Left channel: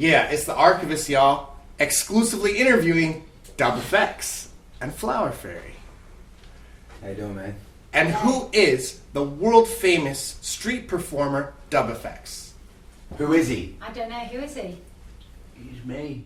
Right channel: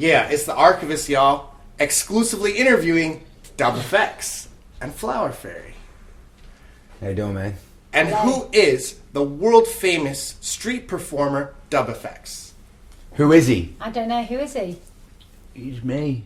Yeah, it's the Archivest, y'all, exclusively interviewing Dub Effects and Flower Fairy. How you doing, man? And who is the world-famous street performer Dub Effects? Who is he? I don't know. Who is he? He's me.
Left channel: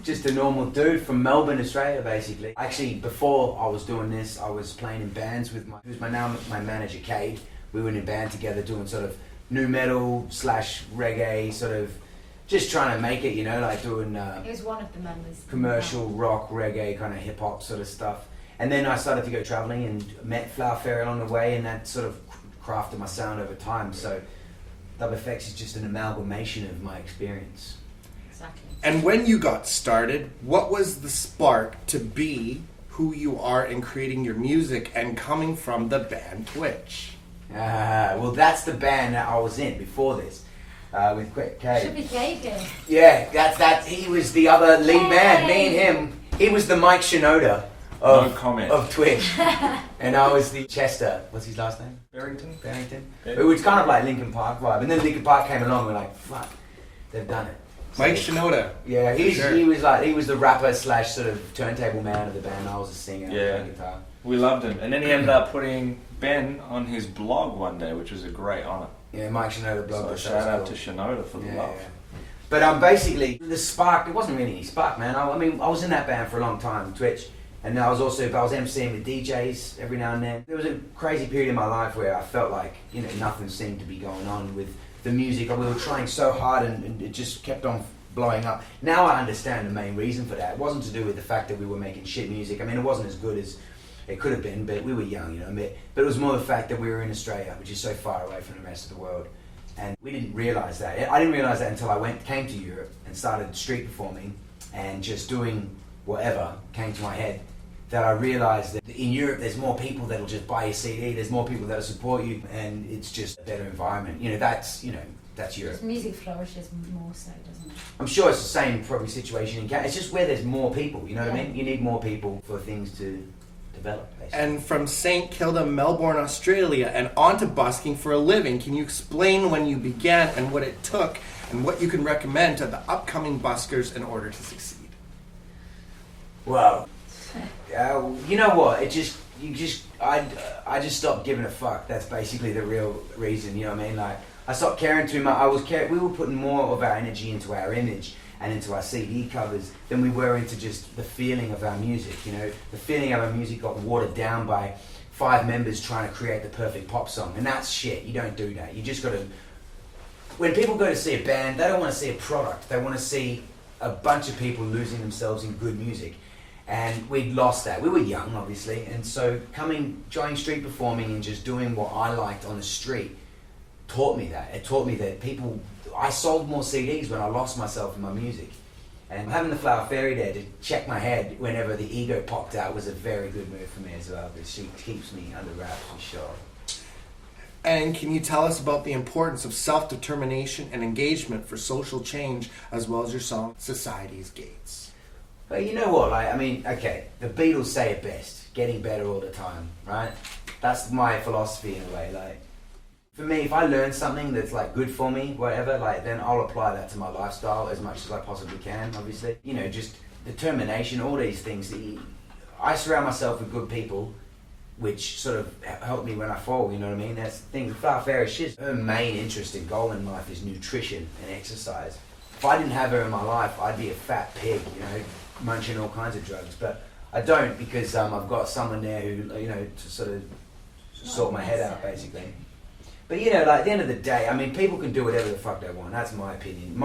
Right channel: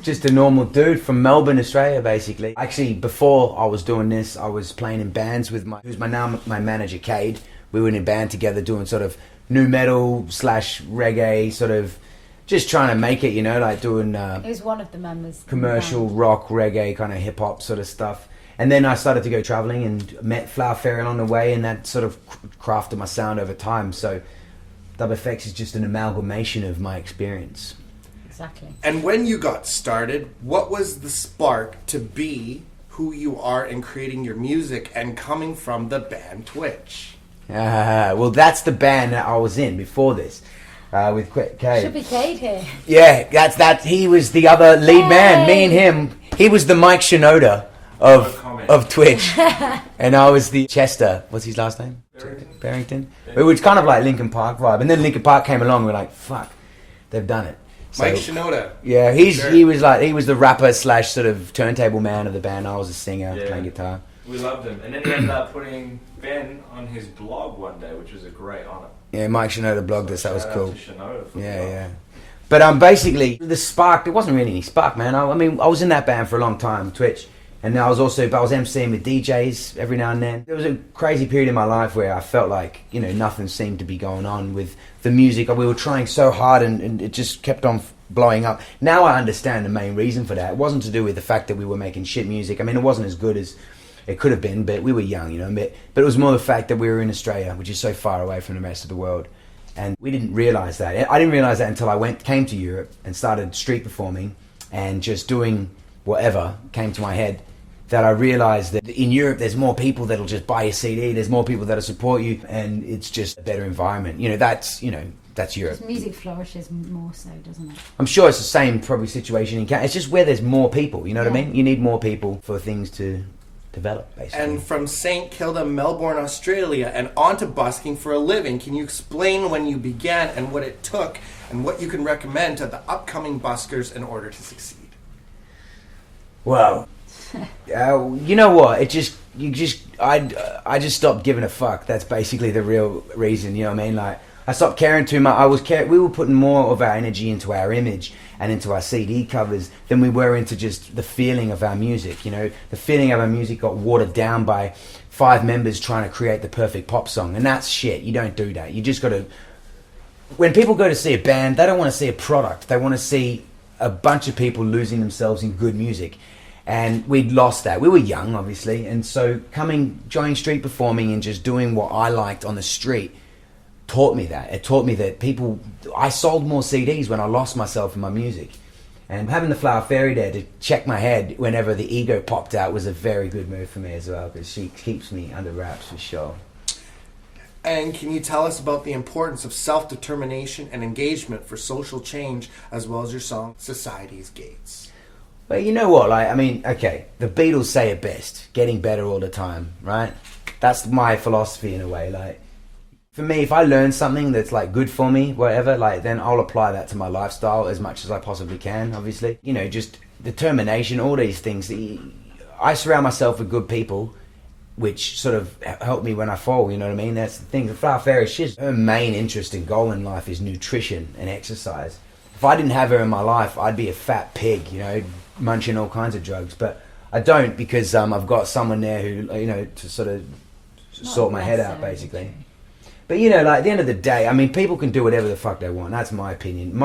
Just a normal dude from Melbourne, Australia, basically. Actually, before I was doing this, I was playing in bands with my manager, Cade. We were in a band together doing sort of nu metal / reggae, sort of just trying to make it, you know, like doing He was one of the members. commercial rock, reggae, kind of hip hop sort of stuff. And then I started to go traveling and met Flower Fairy along the way, and that sort of crafted my sound over time. So Dub Effects is just an amalgamation of my experience. Exactly. And when you got started, what was the spark to be who you are in creating your music and coming from the band Twitch? Well, that's the band that I was in before this, with Cade. Should be Cade here. Yeah, that's he was the other lead man. Me and him. He was the Mike Shinoda of Twitch, and I was the Chester. What's his last name? Barrington. It was kind of like Linkin Park vibe, and then Linkin Park came along. We're like, fuck, they've done it. So, Mike Shinoda. Yeah, he was the rapper / sort of turntable man of the band. I was a singer, playing guitar. We loved him, and then he ended up putting Ben on his blog one day, which was a great honour. Yeah, Mike Shinoda blogged us. That was cool. Shout out to Shinoda for the love. Yeah. But basically the spark. It wasn't really any spark, man. I mean, I was in that band for a long time, Twitch, and I was MCing with DJs every now and then. There was a crazy period in my life where I felt like, you know, nothing seemed to be going on with the music. We were trying so hard, and it just kept on blowing up. Now I understand the main reason for that. It wasn't to do with the fact that we were making shit music. I mean, it wasn't as good as it could have been, but we were young, you know. But it was more the fact that we were in Australia, which is so far away from the rest of the world, and we didn't realise that. I didn't realise that until I came to Europe and started street performing and just doing whatever came to my head. That I realised that in Europe there's more people that'll just buy your CD. There's more people that'll support you, and it's just a better environment. You know, that's Europe. Music flourishes more so, doesn't it? I'm sure it's the same probably situation in Canada. It's just where there's more people. You know what I mean? You need more people for things to develop, basically. And from St. Kilda, Melbourne, Australia, and on to busking for a living, can you explain when you began and what it took and what you can recommend to the upcoming buskers in order to succeed? Well, you know what? I just stopped giving a fuck. That's basically the real reason. You know what I mean? Like, I stopped caring too much. We were putting more of our energy into our image and into our CD covers than we were into just the feeling of our music. You know, the feeling of our music got watered down by 5 members trying to create the perfect pop song, and that's shit. You don't do that. You just got to. When people go to see a band, they don't want to see a product. They want to see a bunch of people losing themselves in good music. And we'd lost that. We were young, obviously, and so joining street performing and just doing what I liked on the street taught me that. It taught me that I sold more CDs when I lost myself in my music. And having the Flower Fairy there to check my head whenever the ego popped out was a very good move for me as well, because she keeps me under wraps for sure. And can you tell us about the importance of self-determination and engagement for social change, as well as your song, Society's Gates? But you know what, okay, the Beatles say it best, getting better all the time, right? That's my philosophy in a way. Like, for me, if I learn something that's like good for me, whatever, like, then I'll apply that to my lifestyle as much as I possibly can, obviously. You know, just determination, all these things. I surround myself with good people, which sort of help me when I fall, you know what I mean? That's the thing. The Flower Fairy, her main interest and goal in life is nutrition and exercise. If I didn't have her in my life, I'd be a fat pig, you know, munching all kinds of drugs. But I don't, because I've got someone there who, you know, to sort of sort my head out, basically. But, you know, like, at the end of the day, I mean, people can do whatever the fuck they want. That's my opinion.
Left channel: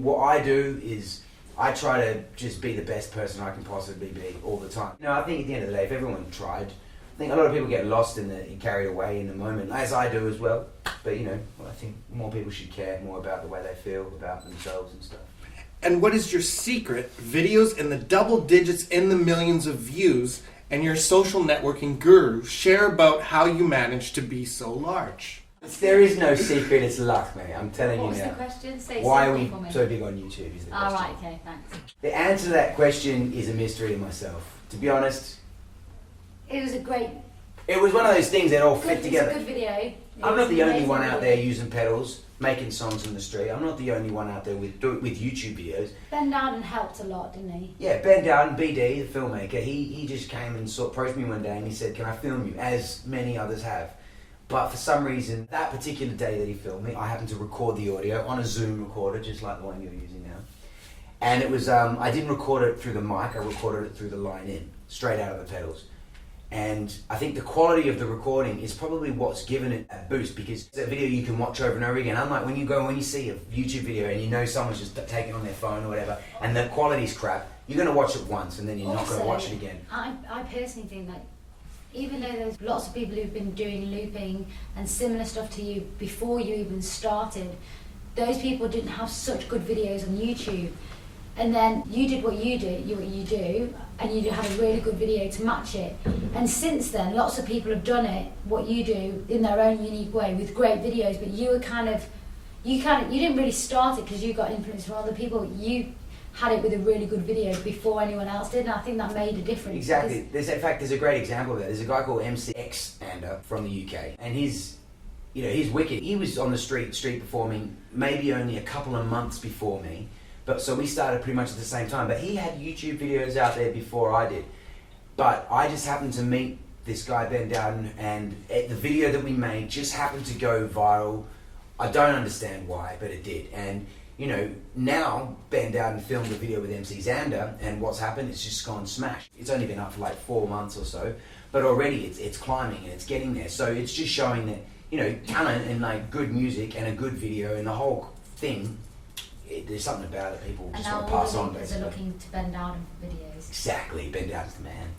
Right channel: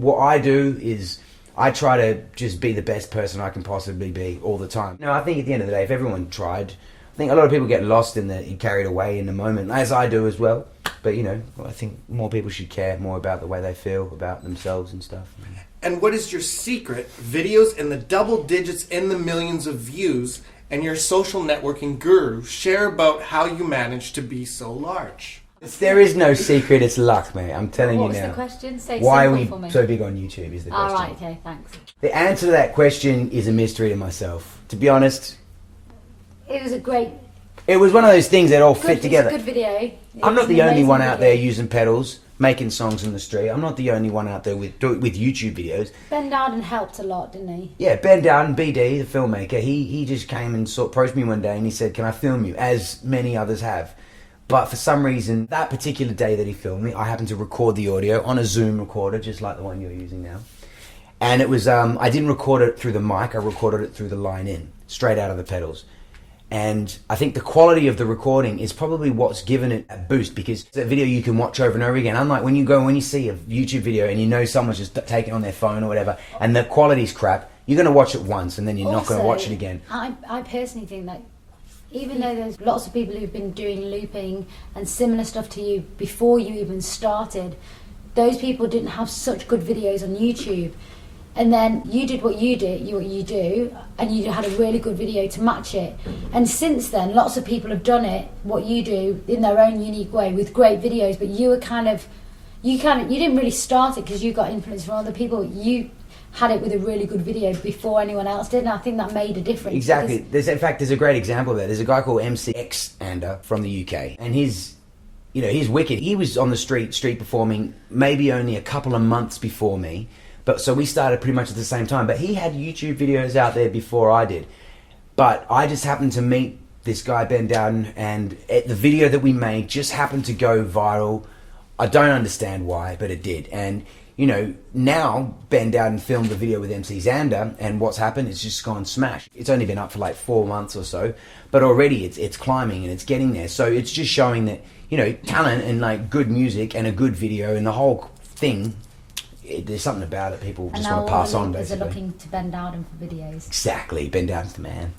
What I do is I try to just be the best person I can possibly be all the time. You know, I think at the end of the day, if everyone tried, I think a lot of people get lost and carried away in the moment, as I do as well. But, you know, I think more people should care more about the way they feel about themselves and stuff. And what is your secret? Videos in the double digits in the millions of views, and your social networking guru share about how you managed to be so large. There is no secret, it's luck, mate. I'm telling you now. What's the question? Say why are we for me. so big on YouTube is the question. Right, okay, thanks. The answer to that question is a mystery to myself. To be honest, it was a great... It was one of those things that all fit together. It's a good video. I'm not the only one out there using pedals. making songs in the street. I'm not the only one out there with YouTube videos. Ben Dowden helped a lot, didn't he? Yeah, Ben Dowden, BD, the filmmaker, he just came and approached me one day and he said, "Can I film you?" As many others have. But for some reason, that particular day that he filmed me, I happened to record the audio on a Zoom recorder, just like the one you're using now. And it was, I didn't record it through the mic, I recorded it through the line in, straight out of the pedals. And I think the quality of the recording is probably what's given it a boost, because it's a video you can watch over and over again. Unlike when you see a YouTube video and you know someone's just taking it on their phone or whatever, and the quality's crap, you're going to watch it once and then you're not going to watch it again. I personally think that even though there's lots of people who've been doing looping and similar stuff to you before you even started, those people didn't have such good videos on YouTube. And then you did what you do, and you had a really good video to match it. And since then, lots of people have done it, what you do, in their own unique way with great videos. But you didn't really start it because you got influence from other people. You had it with a really good video before anyone else did, and I think that made a difference. Exactly. There's a great example of that. There's a guy called MCX from the UK, and he's wicked. He was on the street performing maybe only a couple of months before me. But so we started pretty much at the same time. But he had YouTube videos out there before I did. But I just happened to meet this guy, Ben Dowden, and the video that we made just happened to go viral. I don't understand why, but it did. And, now Ben Dowden filmed a video with MC Xander, and what's happened, it's just gone smash. It's only been up for like 4 months or so, but already it's climbing and it's getting there. So it's just showing that, talent and like good music and a good video and the whole thing, there's something about it people just want to pass on, basically. They're looking to Ben Dowden for videos. Exactly, Ben Dowden's the man.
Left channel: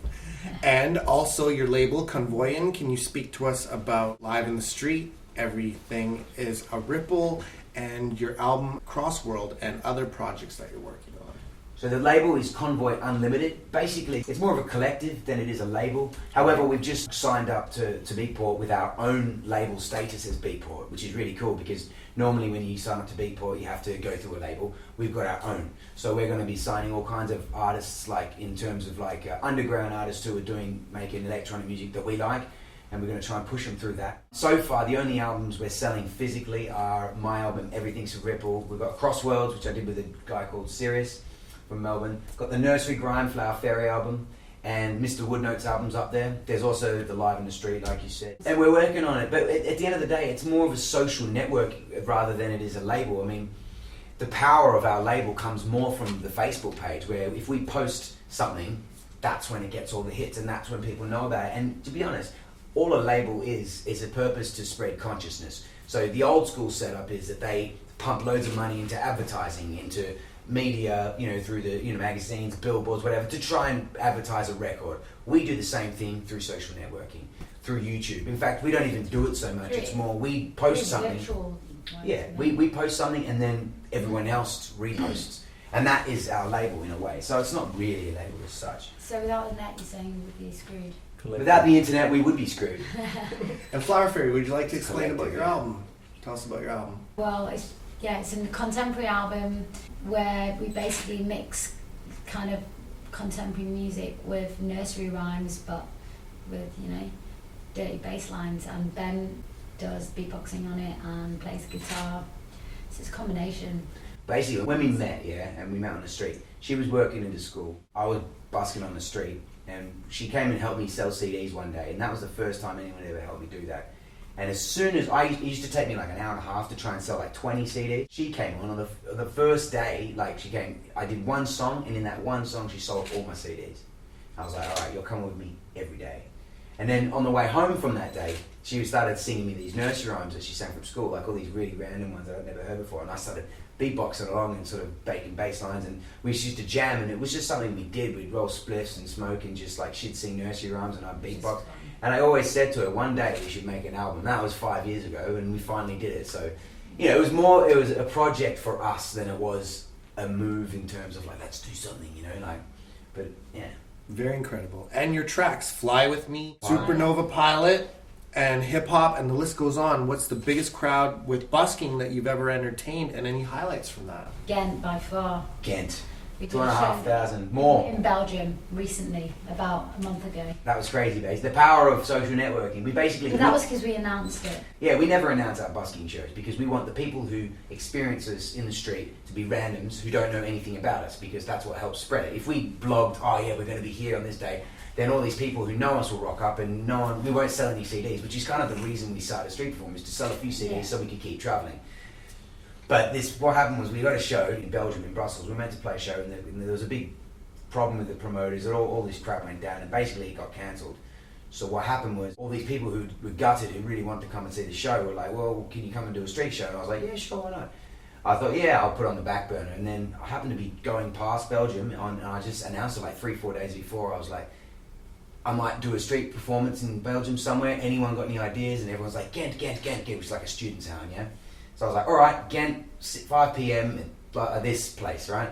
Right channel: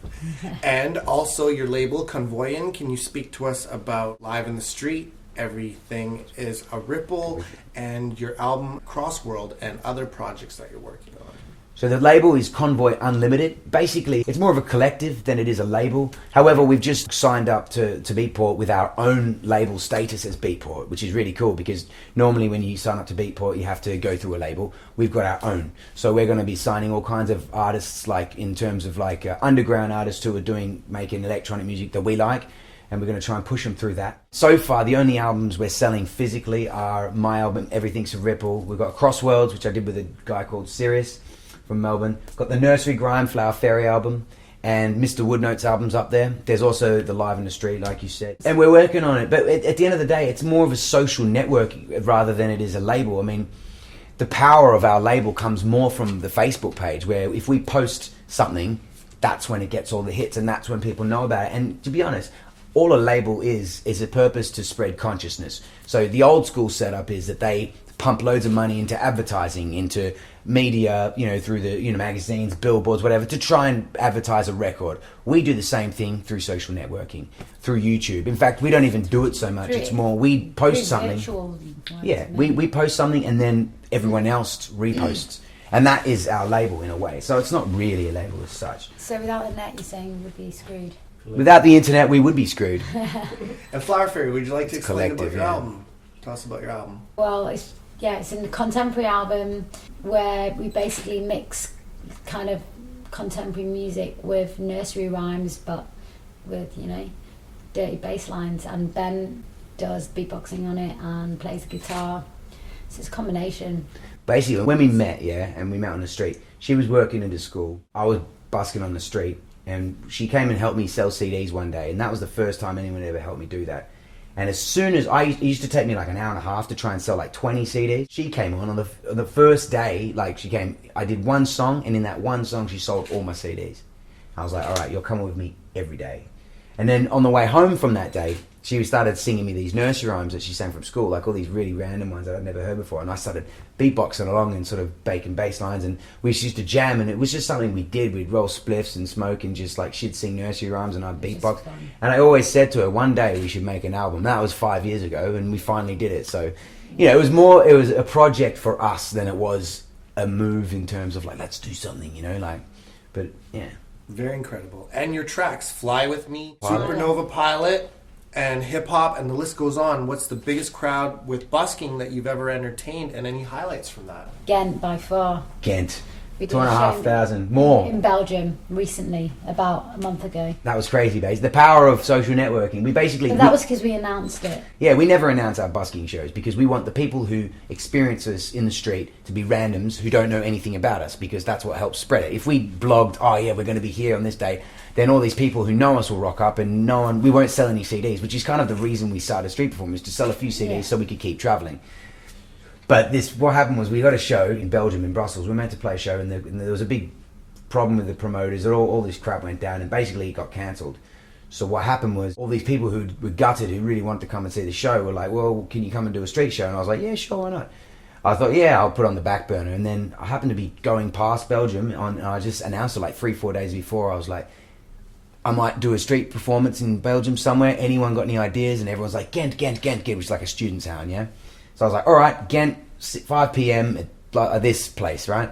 And also your label, Convoy. Can you speak to us about Live in the Street, Everything is a Ripple, and your album Crossworld and other projects that you're working on? So the label is Convoy Unlimited. Basically, it's more of a collective than it is a label. However, we've just signed up to Beatport with our own label status as Beatport, which is really cool because normally when you sign up to Beatport, you have to go through a label. We've got our own. So we're going to be signing all kinds of artists, like in terms of like underground artists who are making electronic music that we like. And we're going to try and push them through that. So far, the only albums we're selling physically are my album, Everything's a Ripple. We've got Crossworlds, which I did with a guy called Sirius from Melbourne. Got the Nursery Grime Flower Fairy album and Mr. Woodnote's albums up there. There's also the Live in the Street, like you said. And we're working on it. But at the end of the day, it's more of a social network rather than it is a label. I mean, the power of our label comes more from the Facebook page, where if we post something, that's when it gets all the hits and that's when people know about it. And to be honest, all a label is a purpose to spread consciousness. So the old school setup is that they pump loads of money into advertising, into media, through the magazines, billboards, whatever, to try and advertise a record. We do the same thing through social networking, through YouTube. In fact, we don't even do it so much. It's more we post something. Yeah, we post something and then everyone else reposts. And that is our label in a way. So it's not really a label as such. So without the net, you're saying we would be screwed? Without the internet, we would be screwed. And Flower Fairy, would you like to explain about your yeah. album? Tell us about your album. Well, it's a contemporary album where we basically mix kind of contemporary music with nursery rhymes, but with, dirty bass lines. And Ben does beatboxing on it and plays guitar. So it's a combination. Basically, when we met, and we met on the street, she was working in the school. I was busking on the street. And she came and helped me sell CDs one day, and that was the first time anyone ever helped me do that. And as soon as it used to take me like an hour and a half to try and sell like 20 CDs. She came on the first day, I did one song, and in that one song she sold all my CDs. I was like, all right, you're coming with me every day. And then on the way home from that day, she started singing me these nursery rhymes that she sang from school, like all these really random ones that I'd never heard before. And I started beatboxing along and sort of baking bass lines, and we used to jam, and it was just something we did. We'd roll spliffs and smoke, and just like she'd sing nursery rhymes and I'd beatbox. And I always said to her, one day we should make an album. That was 5 years ago, and we finally did it. So, it was a project for us than it was a move in terms of like, let's do something, but yeah. Very incredible. And your tracks, Fly With Me, Supernova Pilot, and Hip Hop, and the list goes on. What's the biggest crowd with busking that you've ever entertained, and any highlights from that? Ghent, by far. Ghent. We did 2,500 more. in Belgium recently, about a month ago. That was crazy, base. The power of social networking. We basically... But that was because we announced it. Yeah, we never announce our busking shows because we want the people who experience us in the street to be randoms who don't know anything about us, because that's what helps spread it. If we blogged, oh yeah, we're going to be here on this day, then all these people who know us will rock up, and we won't sell any CDs, which is kind of the reason we started Street Performers, to sell a few CDs so we could keep travelling. But what happened was we got a show in Belgium, in Brussels. We were meant to play a show, and there was a big problem with the promoters. All this crap went down, and basically it got cancelled. So what happened was all these people who were gutted, who really wanted to come and see the show, were like, well, can you come and do a street show? And I was like, yeah, sure, why not? I thought, yeah, I'll put it on the back burner. And then I happened to be going past Belgium, and I just announced it like 3-4 days before. I was like, I might do a street performance in Belgium somewhere. Anyone got any ideas? And everyone's like, Ghent, which is like a student town, yeah? So I was like, all right, Ghent, 5 p.m. at this place, right?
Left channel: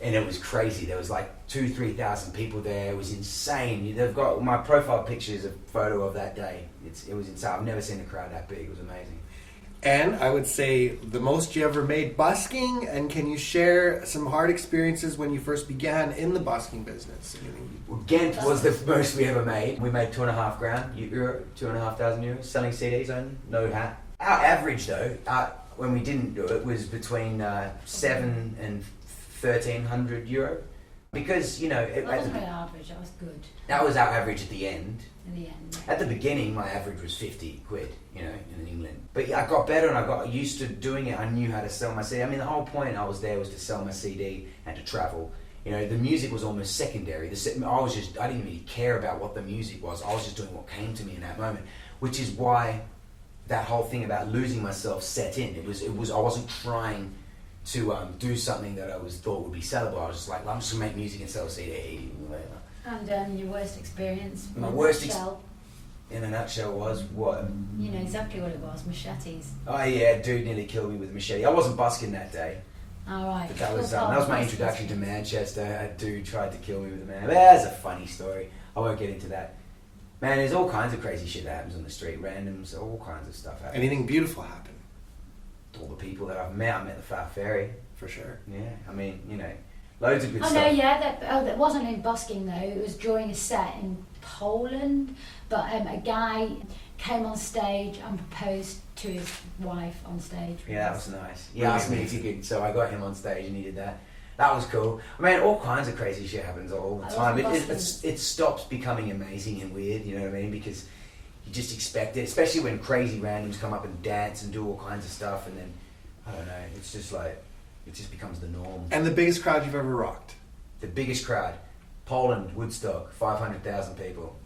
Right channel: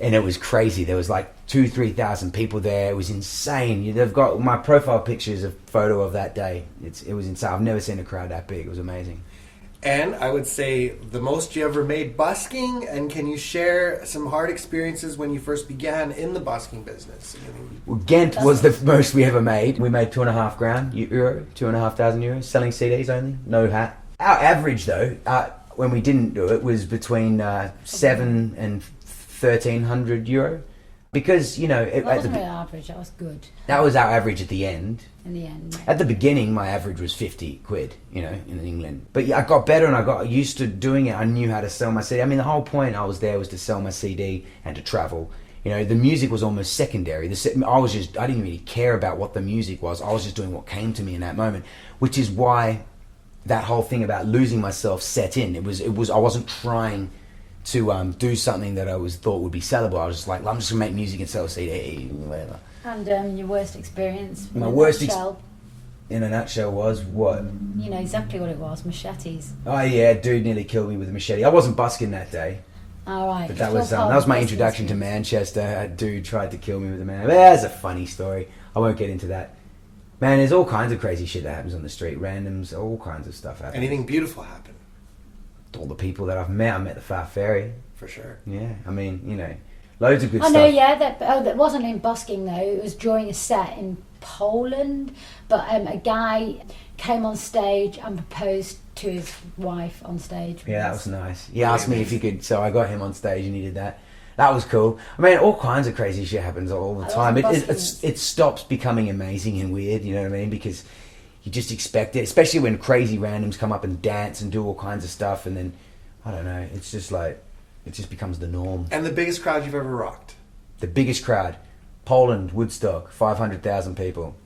And it was crazy. There was like 2,000-3,000 people there. It was insane. They've got my profile pictures, a photo of that day. It was insane. I've never seen a crowd that big. It was amazing. And I would say the most you ever made busking, and can you share some hard experiences when you first began in the busking business? Well, Ghent was the most we ever made. We made €2,500, 2,500 euros, selling CDs only, no hat. Our average though, when we didn't do it, was between 7 and 1,300 euro, because That wasn't really average. That was good. That was our average at the end. In the end. At the beginning, my average was 50 quid, in England. But yeah, I got better and I got used to doing it. I knew how to sell my CD. I mean, the whole point I was there was to sell my CD and to travel. The music was almost secondary. I didn't really care about what the music was. I was just doing what came to me in that moment, which is why that whole thing about losing myself set in. I wasn't trying to do something that I thought would be sellable. I was just like, I'm just gonna make music and sell a CD, whatever. And your worst experience? My worst in a nutshell was what? You know exactly what it was. Machetes. Oh yeah, dude nearly killed me with a machete. I wasn't busking that day. All right. But that was my introduction to Manchester. A dude tried to kill me with a man. That's a funny story. I won't get into that. Man, there's all kinds of crazy shit that happens on the street. Randoms, all kinds of stuff happens. Anything beautiful happen? All the people that I've met. I met the Far Ferry. For sure. Yeah, I mean, loads of good stuff. I know, yeah. That wasn't in busking though. It was during a set in Poland. But a guy came on stage and proposed to his wife on stage. Yeah, that was nice. He asked me if he could, so I got him on stage and he did that. That was cool. I mean, all kinds of crazy shit happens all the time. It stops becoming amazing and weird, you know what I mean? Because you just expect it, especially when crazy randoms come up and dance and do all kinds of stuff, and then, I don't know, it's just like, it just becomes the norm. And the biggest crowd you've ever rocked? The biggest crowd, Poland, Woodstock, 500,000 people.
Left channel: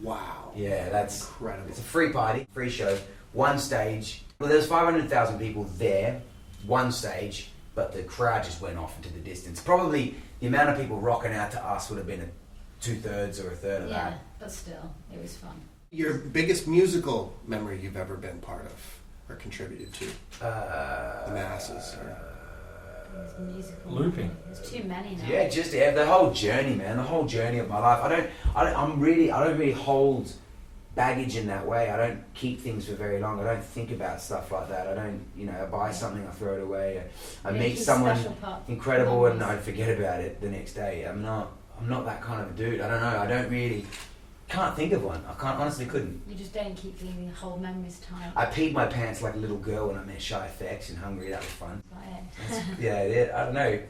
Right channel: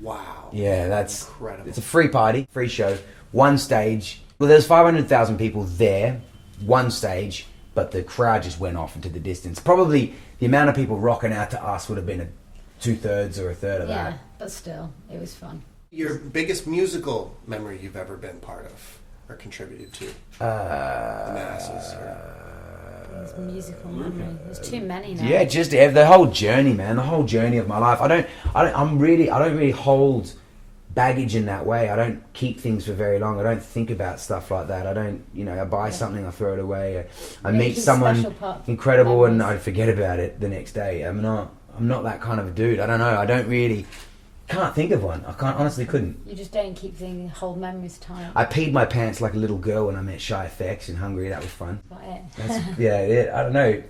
Wow. Yeah, that's incredible. It's a free party, free show, one stage. Well, there's 500,000 people there, one stage, but the crowd just went off into the distance. Probably the amount of people rocking out to us would have been 2/3 or 1/3 of that. Yeah, but still, it was fun. Your biggest musical memory you've ever been part of or contributed to? The masses. It's musical. Looping. There's too many now. Yeah, just the whole journey, man. The whole journey of my life. I don't really hold baggage in that way. I don't keep things for very long. I don't think about stuff like that. I don't, I buy something, I throw it away. I meet someone incredible and I forget about it the next day. I'm not that kind of a dude. I don't know. Can't think of one. Honestly couldn't. You just don't keep thinking, hold memories tight. I peed my pants like a little girl when I met Shy FX in Hungary. That was fun. That's I don't know.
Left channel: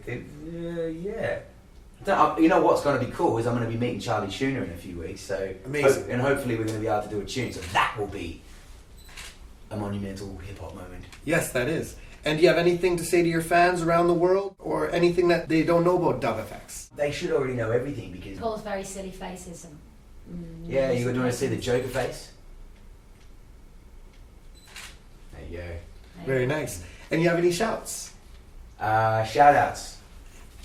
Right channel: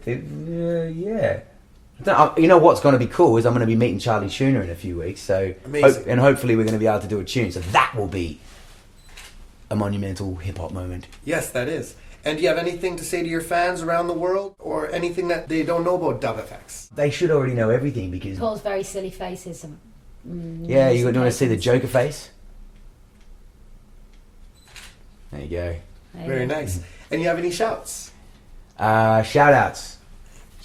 Yeah. You know what's going to be cool is I'm going to be meeting Charlie Schooner in a few weeks. So amazing. And hopefully we're going to be able to do a tune. So that will be a monumental hip hop moment. Yes, that is. And do you have anything to say to your fans around the world, or anything that they don't know about Dub FX? They should already know everything because. Paul's very silly faces. Yeah, you want to see the Joker face? There you go. Very nice. And you have any shouts? Shout outs.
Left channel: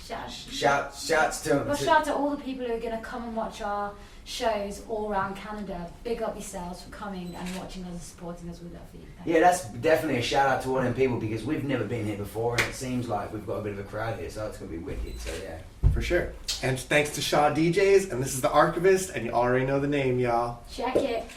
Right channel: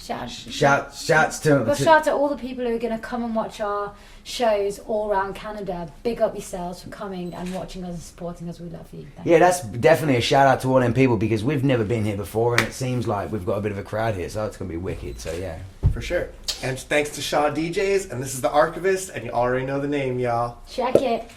Shouts to. Well, shout out to all the people who are going to come and watch our shows all around Canada. Big up yourselves for coming and watching us and supporting us. We love you. Yeah, that's definitely a shout out to all them people because we've never been here before and it seems like we've got a bit of a crowd here, so it's going to be wicked. So yeah. For sure. And thanks to Shaw DJs, and this is the Archivest, and you already know the name, y'all. Check it.